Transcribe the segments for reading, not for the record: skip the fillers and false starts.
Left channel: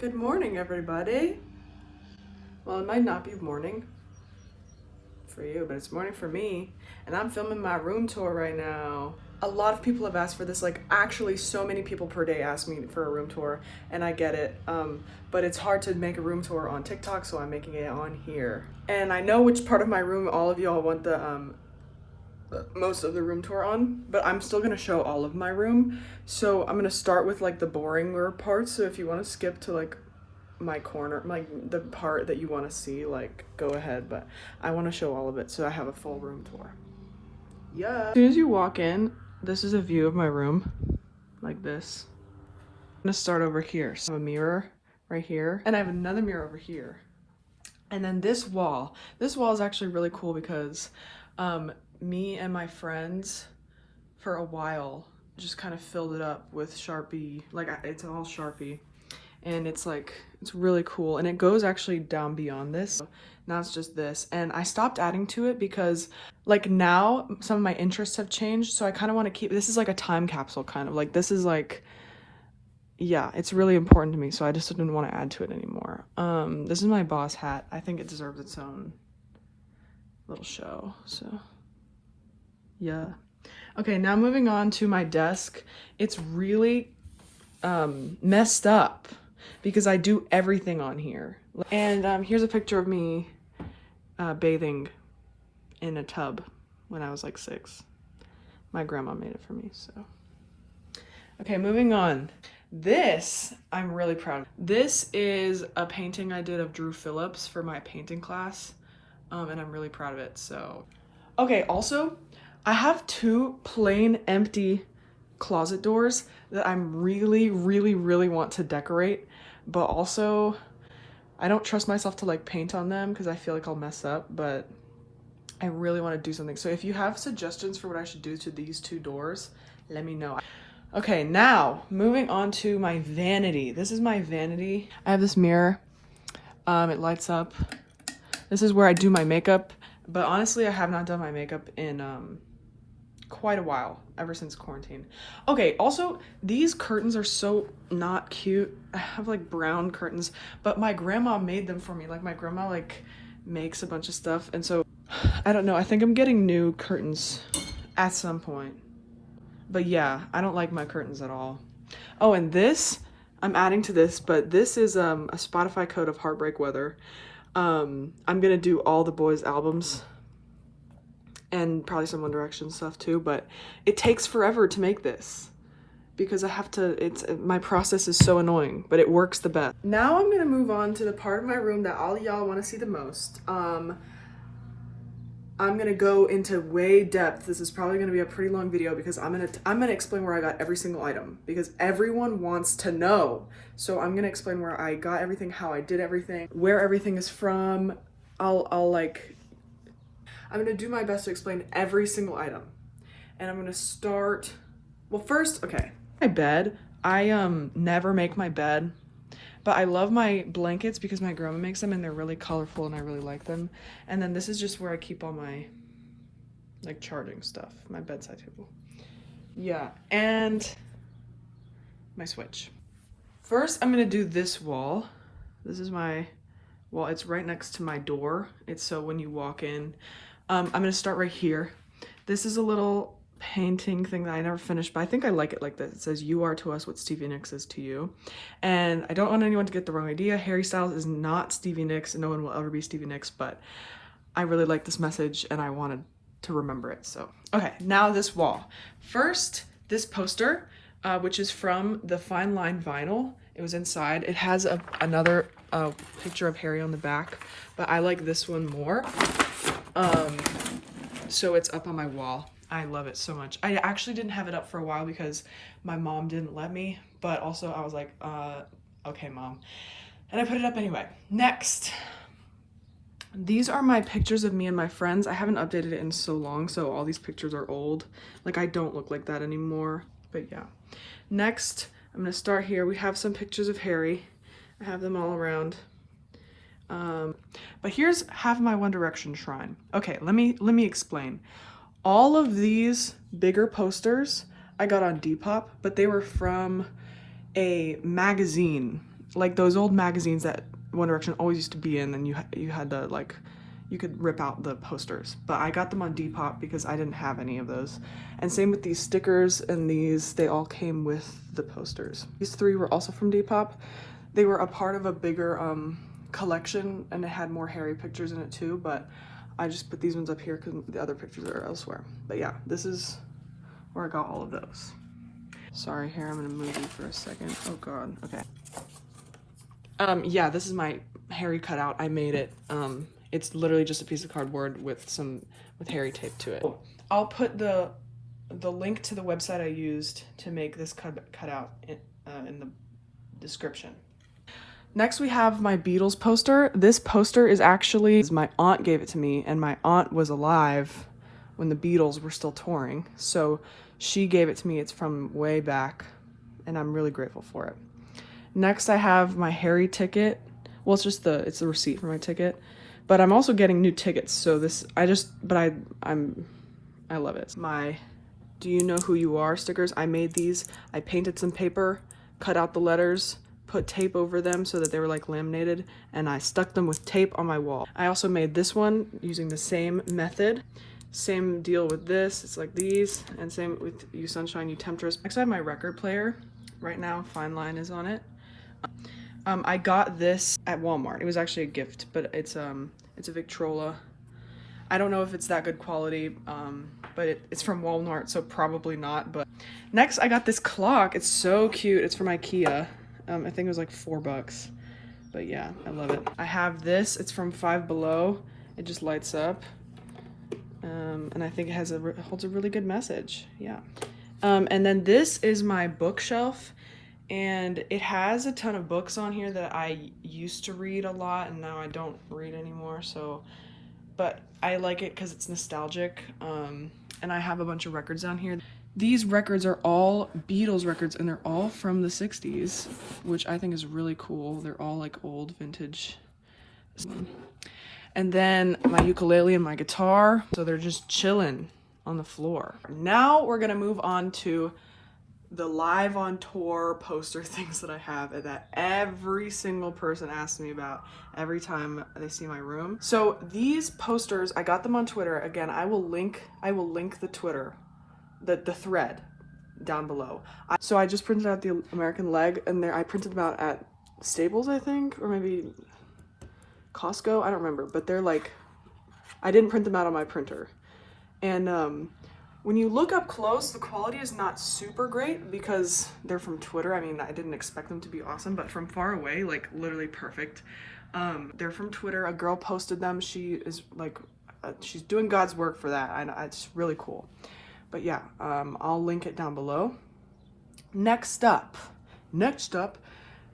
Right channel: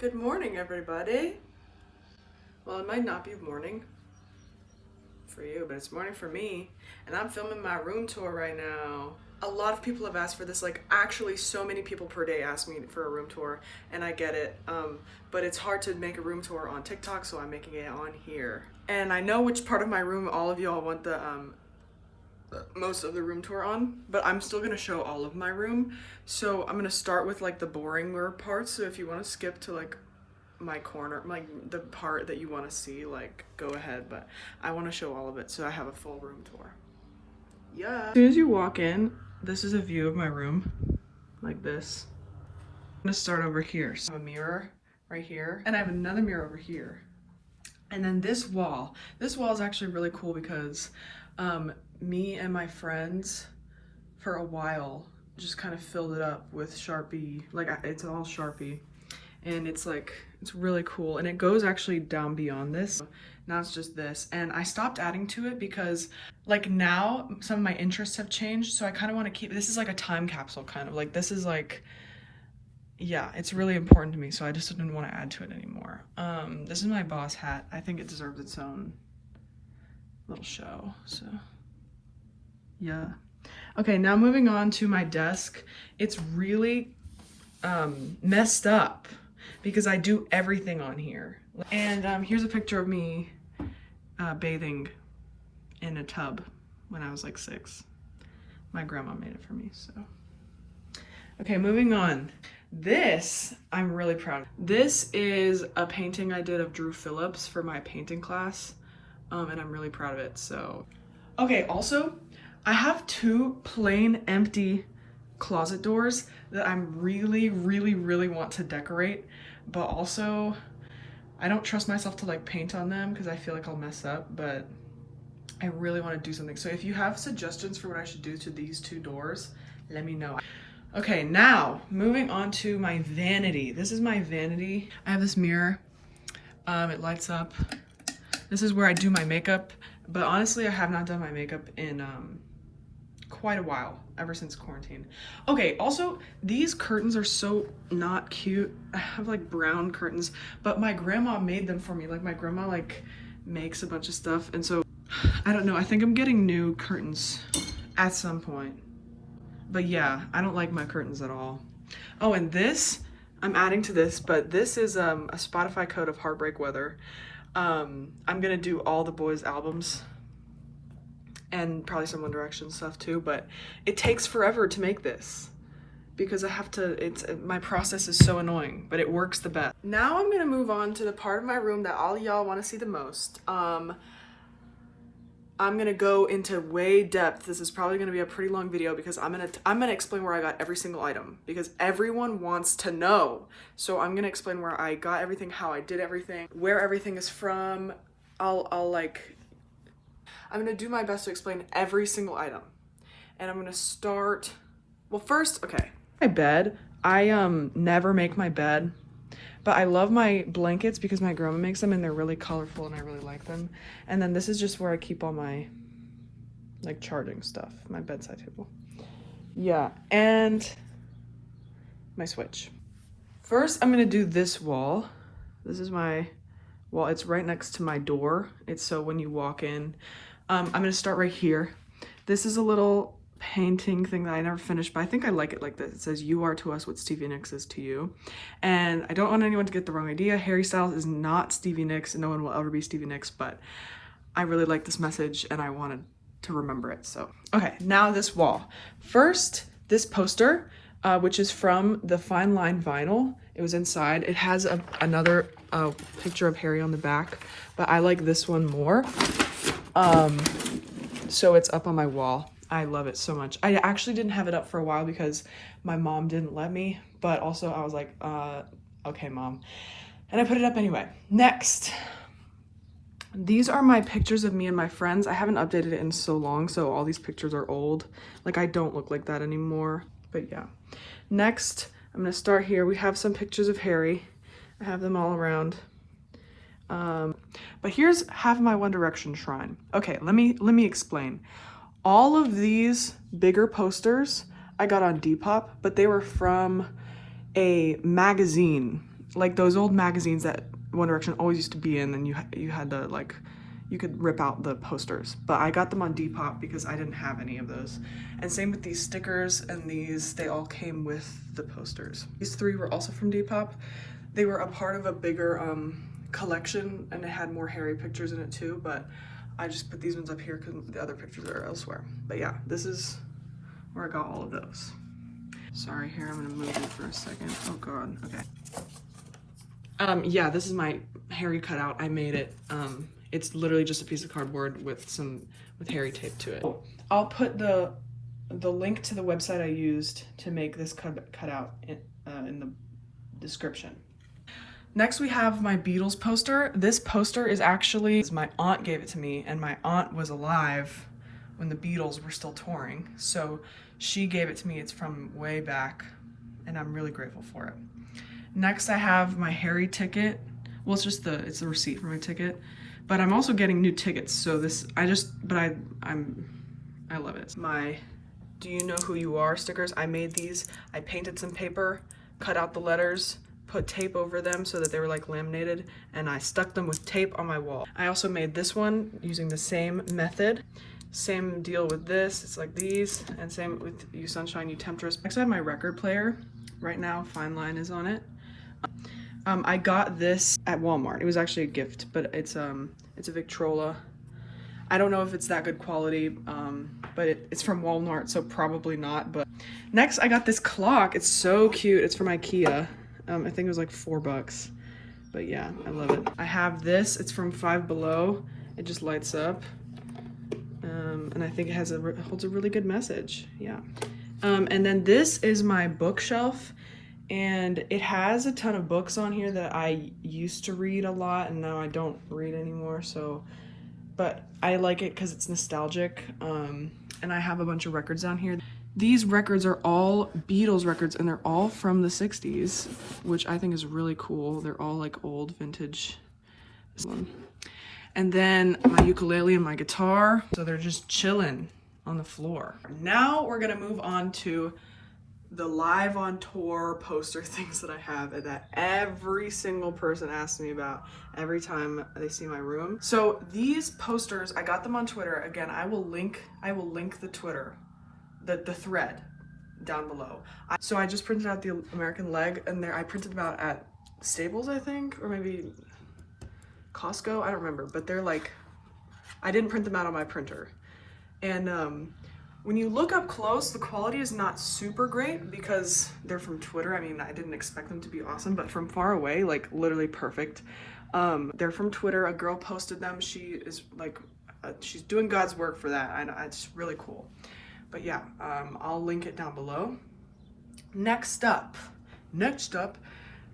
Good morning, everybody. Well, it might not be morning for you, but it's morning for me. And I'm filming my room tour right now. A lot of people have asked for this, like actually so many people per day ask me for a room tour, and I get it. But it's hard to make a room tour on TikTok, so I'm making it on here. And I know which part of my room all of y'all want the most of the room tour on, but I'm still gonna show all of my room. So I'm gonna start with like the boring parts. So if you want to skip to like my corner, like the part that you want to see, like go ahead, but I want to show all of it so I have a full room tour. Yeah. As soon as you walk in, this is a view of my room, like this. I'm gonna start over here. So I have a mirror right here, and I have another mirror over here. And then this wall is actually really cool because me and my friends for a while just kind of filled it up with Sharpie, like it's all Sharpie, and it's really cool, and it goes actually down beyond this. Now it's just this, and I stopped adding to it because like now some of my interests have changed, so I kind of want to keep this is like a time capsule kind of, like this is like, yeah, it's really important to me, so I just didn't want to add to it anymore. This is my boss hat. I think it deserves its own little show, so yeah. Okay, now moving on to my desk. It's really messed up because I do everything on here. And here's a picture of me bathing in a tub when I was like 6. My grandma made it for me, so. Okay, moving on. This, I'm really proud of. This is a painting I did of Drew Phillips for my painting class, and I'm really proud of it, so. Okay, also, I have 2 plain empty closet doors that I'm really want to decorate, but also I don't trust myself to like paint on them because I feel like I'll mess up, but I really want to do something. So if you have suggestions for what I should do to these 2 doors, let me know. Okay, now moving on to my vanity. This is my vanity. I have this mirror. It lights up. This is where I do my makeup, but honestly, I have not done my makeup in quite a while, ever since quarantine. Okay, also, these curtains are so not cute. I have like brown curtains, but my grandma made them for me. Like my grandma like makes a bunch of stuff, and so I don't know, I think I'm getting new curtains at some point. But yeah, I don't like my curtains at all. Oh, and this, I'm adding to this, but this is a Spotify code of Heartbreak Weather. I'm gonna do all the boys' albums and probably some One Direction stuff too, but it takes forever to make this because I have to, my process is so annoying, but it works the best. Now I'm gonna move on to the part of my room that all y'all wanna see the most. I'm gonna go into way depth. This is probably gonna be a pretty long video because I'm gonna explain where I got every single item because everyone wants to know. So I'm gonna explain where I got everything, how I did everything, where everything is from. I'm gonna do my best to explain every single item. And I'm gonna start, well first, okay. My bed, I never make my bed, but I love my blankets because my grandma makes them and they're really colorful and I really like them. And then this is just where I keep all my like charging stuff, my bedside table. Yeah, and my switch. First, I'm gonna do this wall. This is my wall, it's right next to my door. It's so when you walk in, I'm gonna start right here. This is a little painting thing that I never finished, but I think I like it like this. It says, "You are to us what Stevie Nicks is to you." And I don't want anyone to get the wrong idea. Harry Styles is not Stevie Nicks, and no one will ever be Stevie Nicks, but I really like this message and I wanted to remember it, so. Okay, now this wall. First, this poster, which is from the Fine Line vinyl. It was inside. It has another picture of Harry on the back, but I like this one more. So it's up on my wall. I love it so much. I actually didn't have it up for a while because my mom didn't let me, but also I was like, okay, mom. And I put it up anyway. Next, these are my pictures of me and my friends. I haven't updated it in so long, so all these pictures are old. Like I don't look like that anymore, but yeah. Next, I'm gonna start here. We have some pictures of Harry. I have them all around. But here's half my One Direction shrine. Okay, let me explain. All of these bigger posters I got on Depop, but they were from a magazine like those old magazines that One Direction always used to be in, and you had to like, you could rip out the posters. But I got them on Depop because I didn't have any of those. And same with these stickers and these, they all came with the posters. These 3 were also from Depop. They were a part of a bigger collection, and it had more Harry pictures in it too, but I just put these ones up here because the other pictures are elsewhere. But yeah, this is where I got all of those. Sorry, here, I'm gonna move you for a second. Oh God, okay. Yeah, this is my Harry cutout. I made it. It's literally just a piece of cardboard with Harry tape to it. I'll put the link to the website I used to make this cutout in the description. Next we have my Beatles poster. This poster is actually, my aunt gave it to me, and my aunt was alive when the Beatles were still touring. So she gave it to me. It's from way back, and I'm really grateful for it. Next I have my Harry ticket. Well, it's the receipt for my ticket, but I'm also getting new tickets. So I love it. My Do You Know Who You Are stickers. I made these. I painted some paper, cut out the letters, put tape over them so that they were like laminated, and I stuck them with tape on my wall. I also made this one using the same method. Same deal with this, it's like these, and same with You Sunshine, You Temptress. Next I have my record player. Right now, Fine Line is on it. I got this at Walmart. It was actually a gift, but it's a Victrola. I don't know if it's that good quality, but it's from Walmart, so probably not. But next I got this clock. It's so cute. It's from IKEA. I think it was like $4, but yeah, I love it. I have this, it's from Five Below. It just lights up. And I think it holds a really good message, yeah. And then this is my bookshelf, and it has a ton of books on here that I used to read a lot, and now I don't read anymore, so, but I like it because it's nostalgic, and I have a bunch of records down here. These records are all Beatles records, and they're all from the 60s, which I think is really cool. They're all like old vintage. And then my ukulele and my guitar, so they're just chilling on the floor. Now we're gonna move on to the live on tour poster things that I have, and that every single person asks me about every time they see my room. So these posters, I got them on Twitter. Again, I will link the Twitter, the thread down below. So I just printed out the American leg, and I printed them out at Staples, I think, or maybe Costco, I don't remember, but they're like, I didn't print them out on my printer. And when you look up close, the quality is not super great because they're from Twitter. I mean, I didn't expect them to be awesome, but from far away, like literally perfect. They're from Twitter. A girl posted them. She is like, she's doing God's work for that. It's really cool. But yeah, I'll link it down below. Next up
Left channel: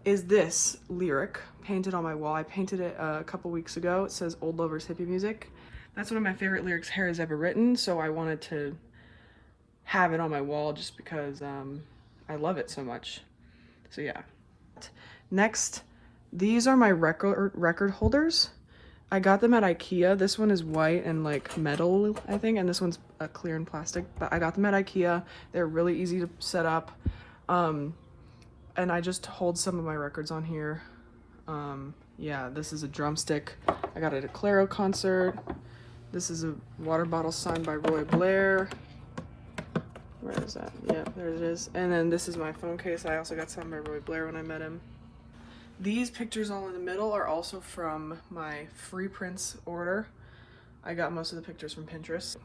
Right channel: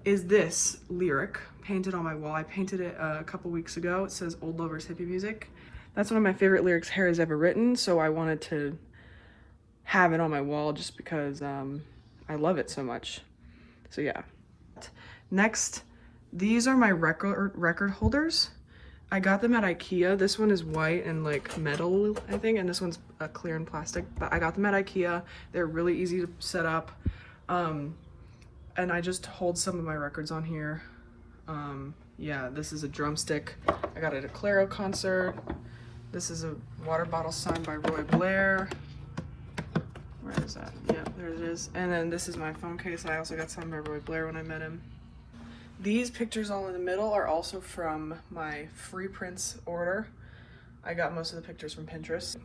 is this lyric painted on my wall. I painted it a couple weeks ago. It says "Old Lovers Hippie Music." That's one of my favorite lyrics Harry's ever written, so I wanted to have it on my wall just because I love it so much. So yeah. Next, these are my record holders. I got them at IKEA. This one is white and like metal, I think, and this one's clear and plastic, but I got them at IKEA. They're really easy to set up. And I just hold some of my records on here. Yeah, this is a drumstick I got at a Claro concert. This is a water bottle signed by Roy Blair. Where is that? Yeah, there it is. And then this is my phone case. I also got signed by Roy Blair when I met him. These pictures all in the middle are also from my free prints order. I got most of the pictures from Pinterest.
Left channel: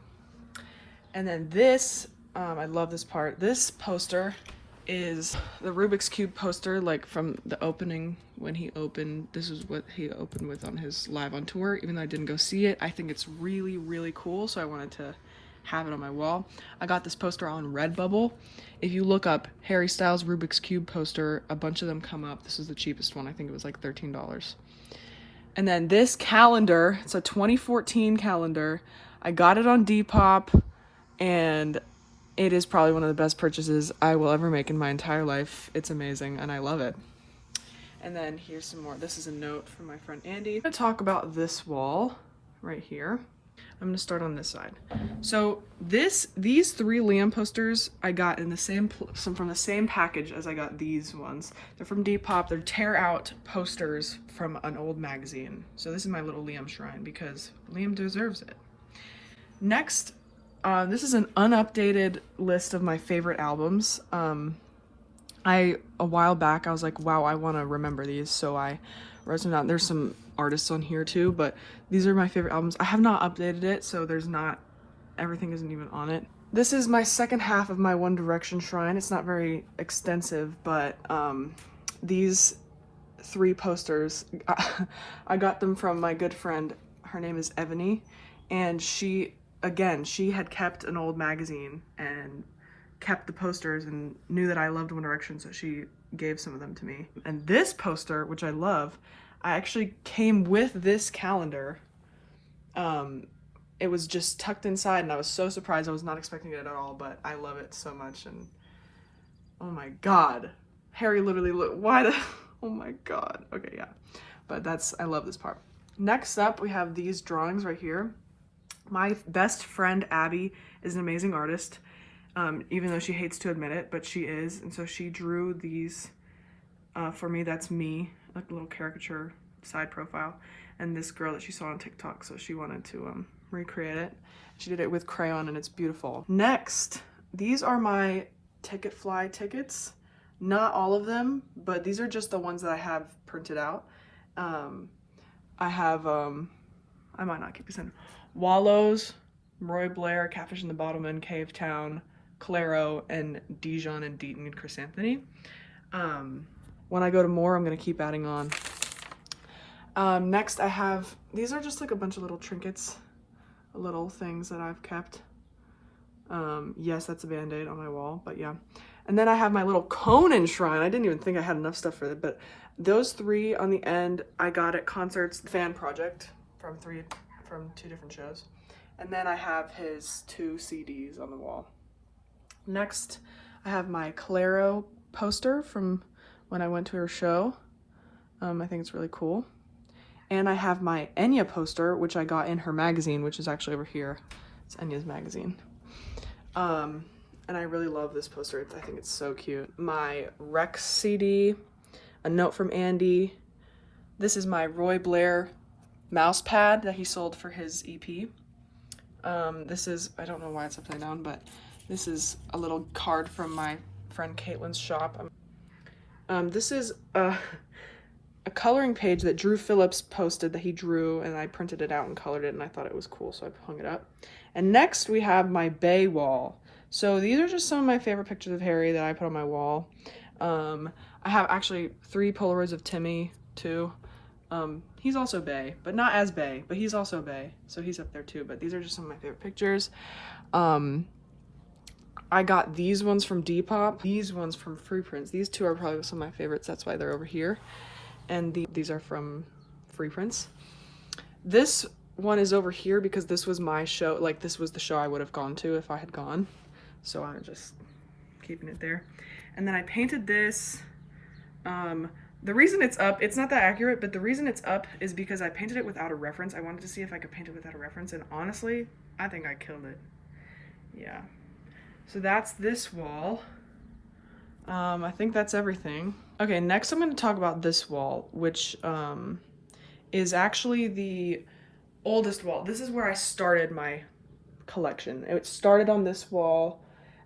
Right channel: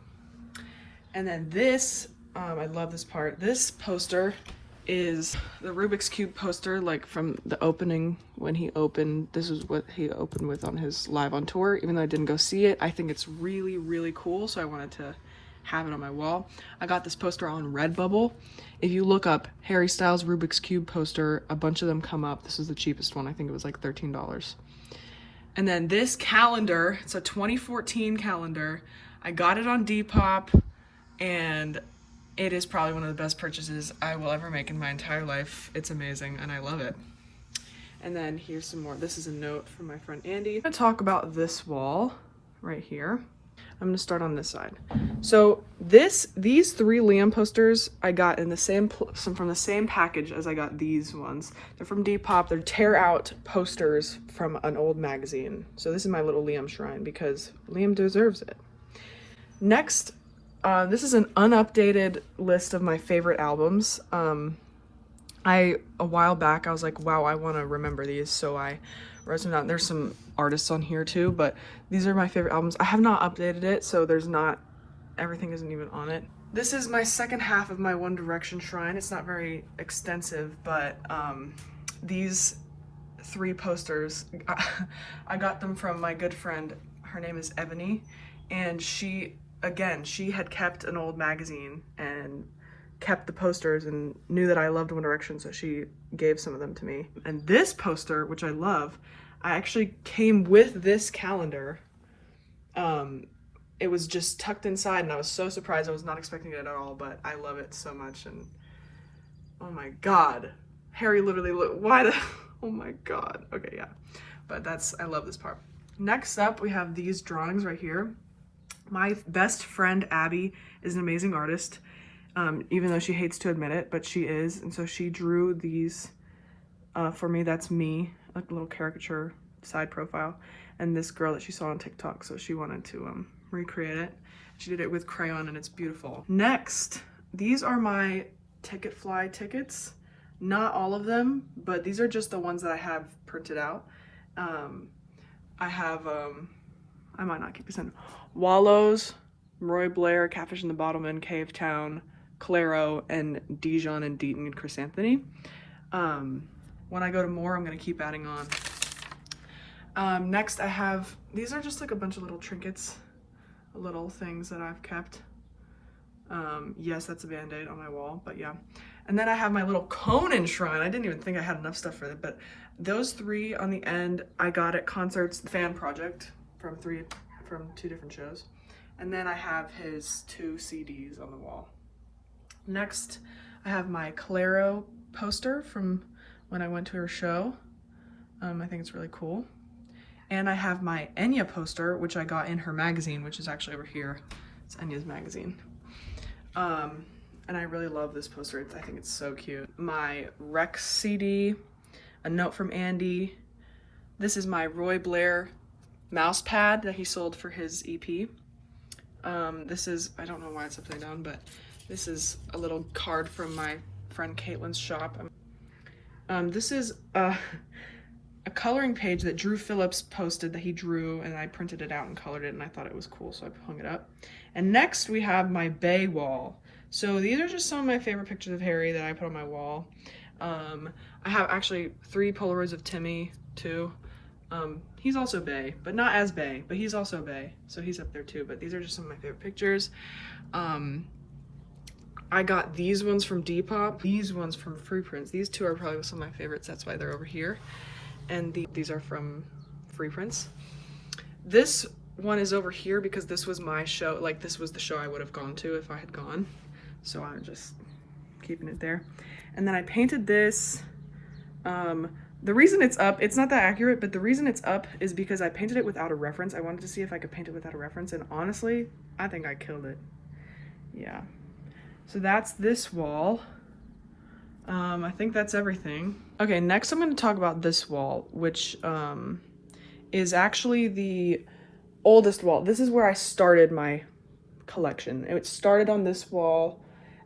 And then this, I love this part. This poster is the Rubik's Cube poster, like from the opening when he opened. This is what he opened with on his live on tour. Even though I didn't go see it, I think it's really, really cool, so I wanted to have it on my wall. I got this poster on Redbubble. If you look up Harry Styles Rubik's Cube poster, a bunch of them come up. This is the cheapest one. I think it was like $13. And then this calendar, it's a 2014 calendar. I got it on Depop, and it is probably one of the best purchases I will ever make in my entire life. It's amazing, and I love it. And then here's some more. This is a note from my friend Andy. I'm gonna talk about this wall right here. I'm gonna start on this side. So these 3 Liam posters I got in the same from the same package as I got these ones. They're from Depop. They're tear out posters from an old magazine. So this is my little Liam shrine because Liam deserves it. Next, this is an unupdated list of my favorite albums. A while back, I was like, wow, I want to remember these, so I wrote them down. There's some artists on here too, but these are my favorite albums. I have not updated it, so everything isn't even on it. This is my second half of my One Direction shrine. It's not very extensive, but these 3 posters, I got them from my good friend. Her name is Vanity, and she had kept an old magazine and kept the posters and knew that I loved One Direction, so she gave some of them to me. And this poster, which I love, I actually came with this calendar. It was just tucked inside and I was so surprised. I was not expecting it at all, but I love it so much. And oh my god, Harry literally oh my god. Okay, yeah, but I love this part. Next up, we have these drawings right here. My best friend Abby is an amazing artist, even though she hates to admit it, but she is. And so she drew these for me. That's me, like a little caricature side profile, and this girl that she saw on TikTok, so she wanted to recreate it. She did it with crayon and it's beautiful. Next, these are my Ticketfly tickets. Not all of them, but these are just the ones that I have printed out. I have, I might not keep this in. Wallows, Roy Blair, Catfish in the Bottlemen, Cave Town, Claro, and Dijon and Deaton and Chris Anthony. When I go to more, I'm gonna keep adding on. Next I have, these are just like a bunch of little trinkets, little things that I've kept. Yes, that's a Band-Aid on my wall, but yeah. And then I have my little Conan shrine. I didn't even think I had enough stuff for it, but those 3 on the end I got at concerts, the fan project from 2 different shows. And then I have his 2 CDs on the wall. Next, I have my Claro poster from when I went to her show. I think it's really cool. And I have my Enya poster, which I got in her magazine, which is actually over here. It's Enya's magazine. And I really love this poster. I think it's so cute. My Rex CD, a note from Andy. This is my Roy Blair mouse pad that he sold for his EP. This is, I don't know why it's upside down, but this is a little card from my friend Caitlin's shop. This is a coloring page that Drew Phillips posted that he drew, and I printed it out and colored it, and I thought it was cool, so I hung it up. And next we have my Bay wall. So these are just some of my favorite pictures of Harry that I put on my wall. I have actually 3 Polaroids of Timmy too. He's also Bay, but not as Bay, but he's also Bay, so he's up there too. But these are just some of my favorite pictures. I got these ones from Depop, these ones from Free Prints. These 2 are probably some of my favorites, that's why they're over here. And these are from Free Prints. This one is over here because this was my show, like this was the show I would have gone to if I had gone. So I'm just keeping it there. And then I painted this. The reason it's up, it's not that accurate, but the reason it's up is because I painted it without a reference. I wanted to see if I could paint it without a reference, and honestly, I think I killed it. Yeah. So that's this wall. I think that's everything. Okay, next I'm going to talk about this wall, which is actually the oldest wall. This is where I started my collection. It started on this wall,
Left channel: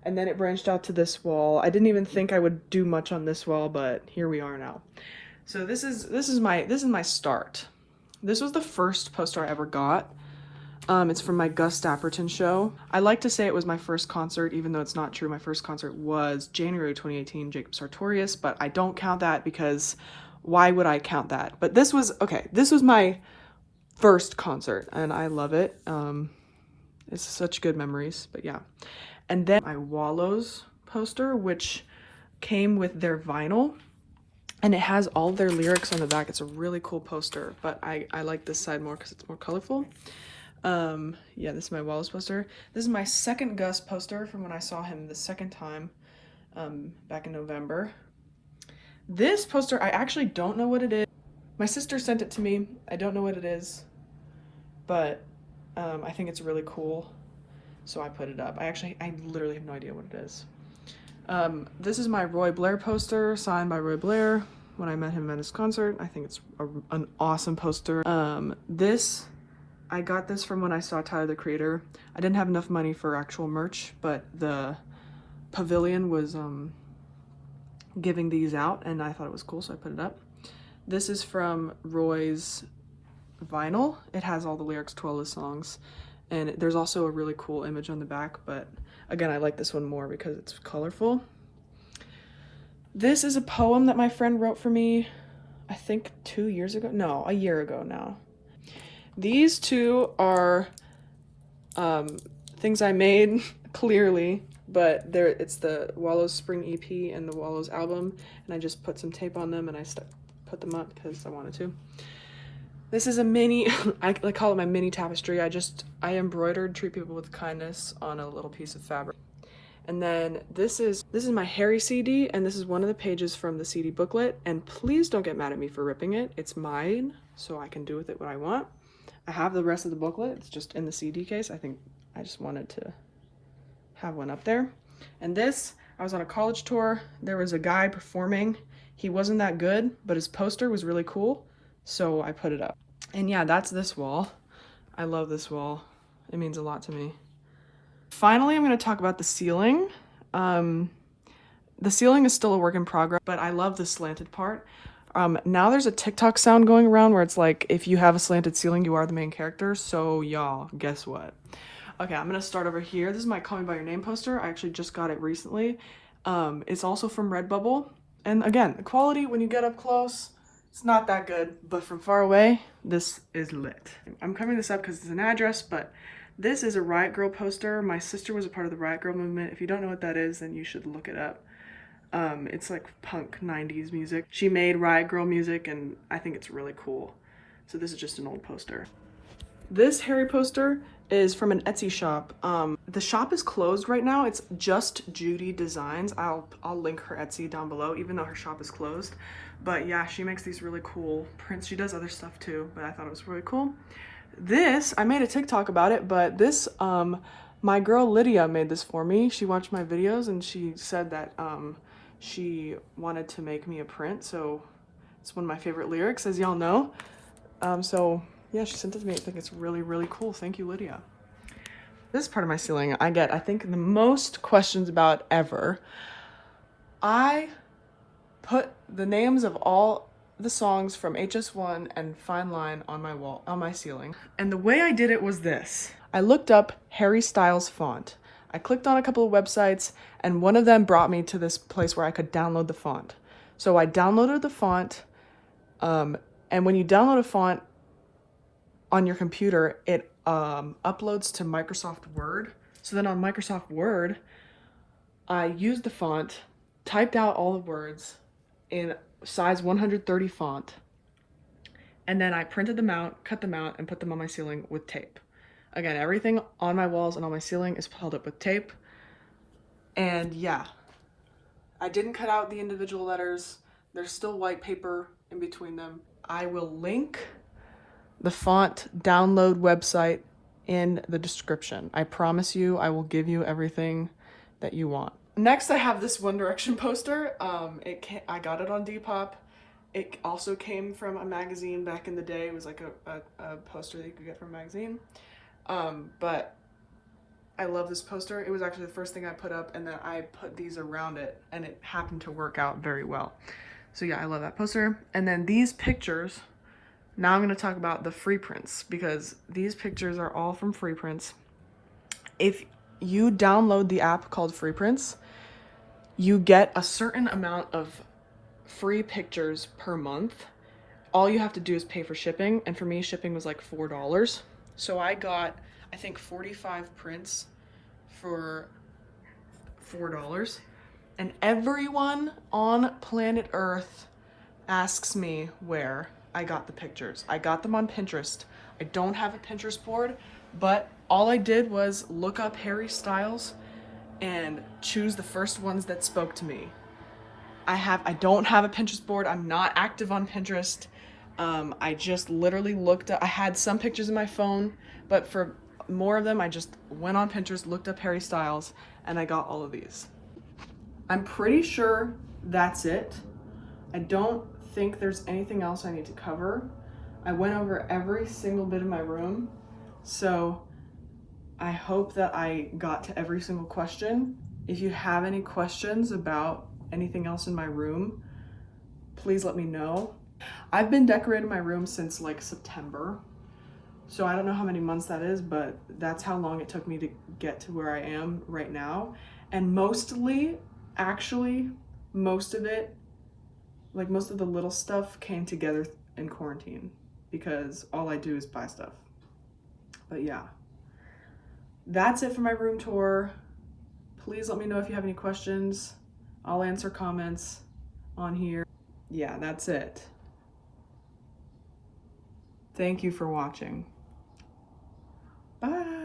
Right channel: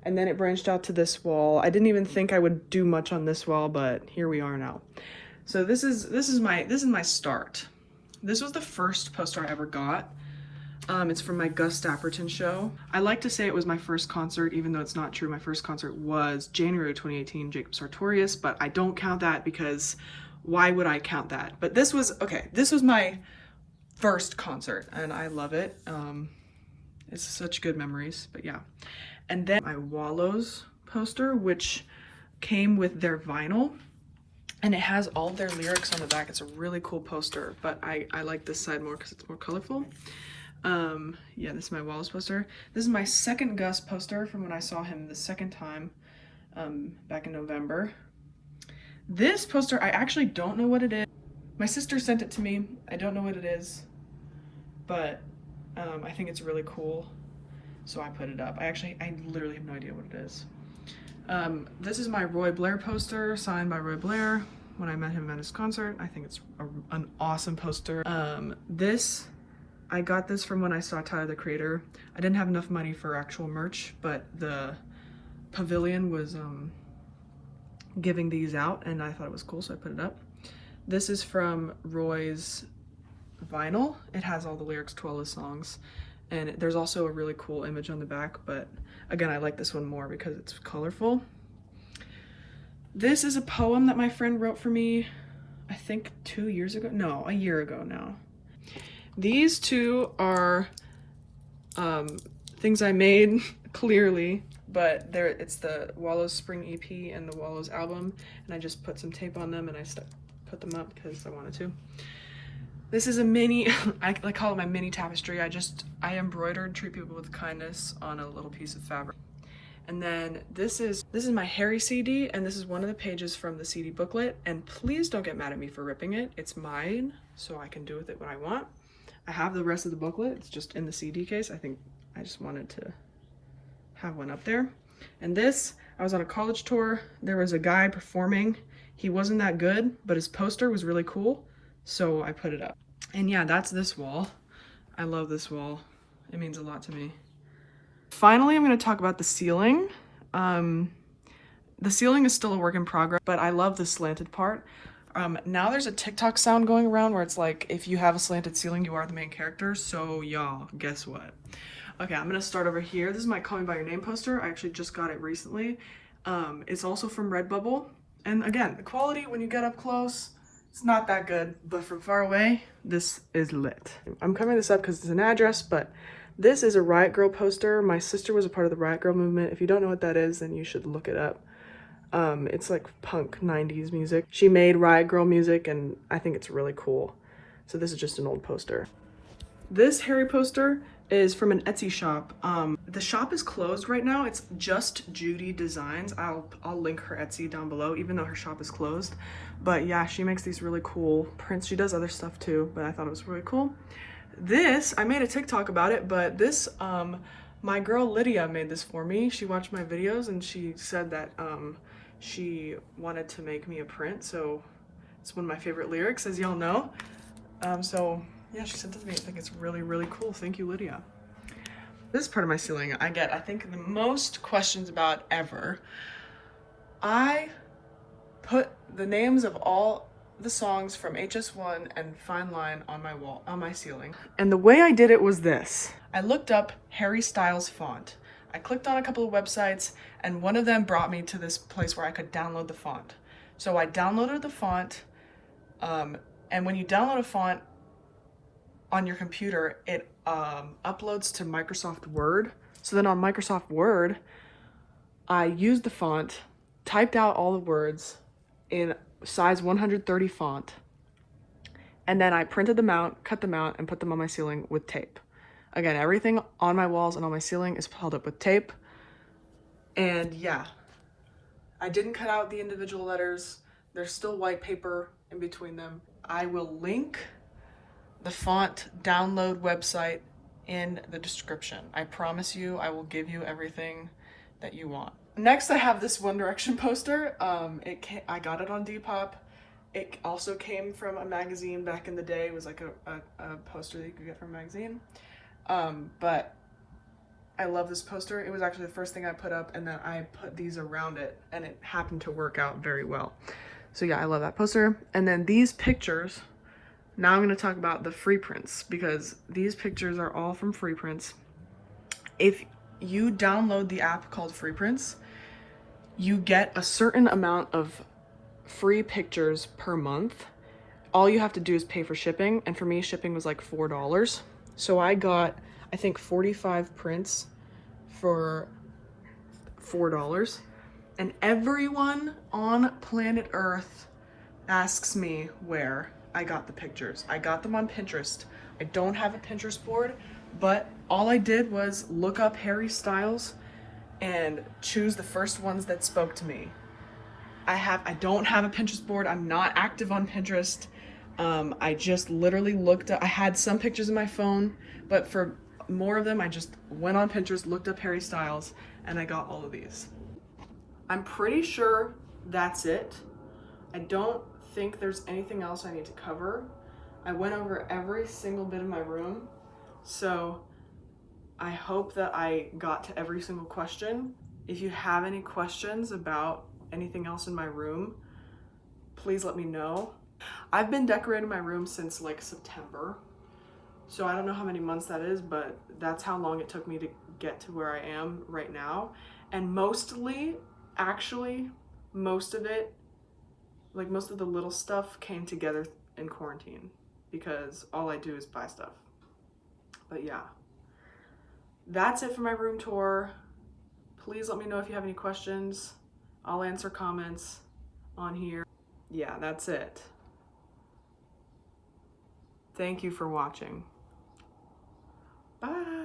and then it branched out to this wall. I didn't even think I would do much on this wall, but here we are now. So this is my start. This was the first poster I ever got. It's from my Gus Dapperton show. I like to say it was my first concert, even though it's not true. My first concert was January 2018, Jacob Sartorius, but I don't count that because why would I count that? But this was my first concert and I love it. It's such good memories, but yeah. And then my Wallows poster, which came with their vinyl, and it has all their lyrics on the back. It's a really cool poster, but I like this side more because it's more colorful. Yeah, this is my Wallows poster. This is my second Gus poster from when I saw him the second time, back in November. This poster, I actually don't know what it is. My sister sent it to me. I don't know what it is, but I think it's really cool, so I put it up. I literally have no idea what it is. This is my Roy Blair poster, signed by Roy Blair when I met him at his concert. I think it's an awesome poster. I got this from when I saw Tyler, the Creator. I didn't have enough money for actual merch, but the pavilion was giving these out, and I thought it was cool, so I put it up. This is from Roy's vinyl. It has all the lyrics to all his songs, and there's also a really cool image on the back, but again, I like this one more because it's colorful. This is a poem that my friend wrote for me, I think 2 years ago? No, a year ago now. These two are things I made, clearly, but it's the Wallows Spring EP and the Wallows album, and I just put some tape on them and I put them up because I wanted to. This is a mini, I call it my mini tapestry. I embroidered Treat People with Kindness on a little piece of fabric. And then this is my Harry CD, and this is one of the pages from the CD booklet, and please don't get mad at me for ripping it. It's mine, so I can do with it what I want. I have the rest of the booklet, it's just in the CD case. I think I just wanted to have one up there. And this, I was on a college tour, there was a guy performing. He wasn't that good, but his poster was really cool, so I put it up. And yeah, that's this wall. I love this wall. It means a lot to me. Finally, I'm going to talk about the ceiling. The ceiling is still a work in progress, but I love the slanted part. Now there's a TikTok sound going around where it's like, if you have a slanted ceiling, you are the main character. So y'all, guess what? Okay, I'm gonna start over here. This is my Call Me By Your Name poster. I actually just got it recently. It's also from Redbubble. And again, the quality when you get up close, it's not that good, but from far away, this is lit. I'm covering this up because it's an address, but this is a Riot Grrrl poster. My sister was a part of the Riot Grrrl movement. If you don't know what that is, then you should look it up. It's like punk 90s music. She made Riot Grrrl music, and I think it's really cool. So this is just an old poster. This Harry poster is from an Etsy shop. The shop is closed right now. It's just Judy Designs. I'll link her Etsy down below, even though her shop is closed. But yeah, she makes these really cool prints. She does other stuff too, but I thought it was really cool. This, I made a TikTok about it, but this, my girl Lydia made this for me. She watched my videos and she said that she wanted to make me a print, so it's one of my favorite lyrics, as y'all know. So yeah, she sent it to me. I think it's really, really cool. Thank you, Lydia. This is part of my ceiling. I get, I think, the most questions about ever. I put the names of all the songs from HS1 and Fine Line on my wall, on my ceiling. And the way I did it was this. I looked up Harry Styles font. I clicked on a couple of websites, and one of them brought me to this place where I could download the font. So I downloaded the font, and when you download a font on your computer, it uploads to Microsoft Word. So then on Microsoft Word, I used the font, typed out all the words in size 130 font, and then I printed them out, cut them out, and put them on my ceiling with tape. Again, everything on my walls and on my ceiling is held up with tape. And yeah, I didn't cut out the individual letters. There's still white paper in between them. I will link the font download website in the description. I promise you, I will give you everything that you want. Next, I have this One Direction poster. I got it on Depop. It also came from a magazine back in the day. It was like a poster that you could get from a magazine. But I love this poster. It was actually the first thing I put up, and then I put these around it, and it happened to work out very well. So yeah, I love that poster. And then these pictures, now I'm going to talk about the free prints, because these pictures are all from free prints. If you download the app called Free Prints, you get a certain amount of free pictures per month. All you have to do is pay for shipping, and for me, shipping was like $4. So I got, I think, 45 prints for $4. And everyone on planet Earth asks me where I got the pictures. I got them on Pinterest. I don't have a Pinterest board, but all I did was look up Harry Styles and choose the first ones that spoke to me. I don't have a Pinterest board. I'm not active on Pinterest. I just literally looked up, I had some pictures in my phone, but for more of them, I just went on Pinterest, looked up Harry Styles, and I got all of these. I'm pretty sure that's it. I don't think there's anything else I need to cover. I went over every single bit of my room, so I hope that I got to every single question. If you have any questions about anything else in my room, please let me know. I've been decorating my room since like September, so I don't know how many months that is, but that's how long it took me to get to where I am right now. And mostly, actually, most of it, like most of the little stuff came together in quarantine because all I do is buy stuff. But yeah, that's it for my room tour. Please let me know if you have any questions. I'll answer comments on here. Yeah, that's it. Thank you for watching. Bye.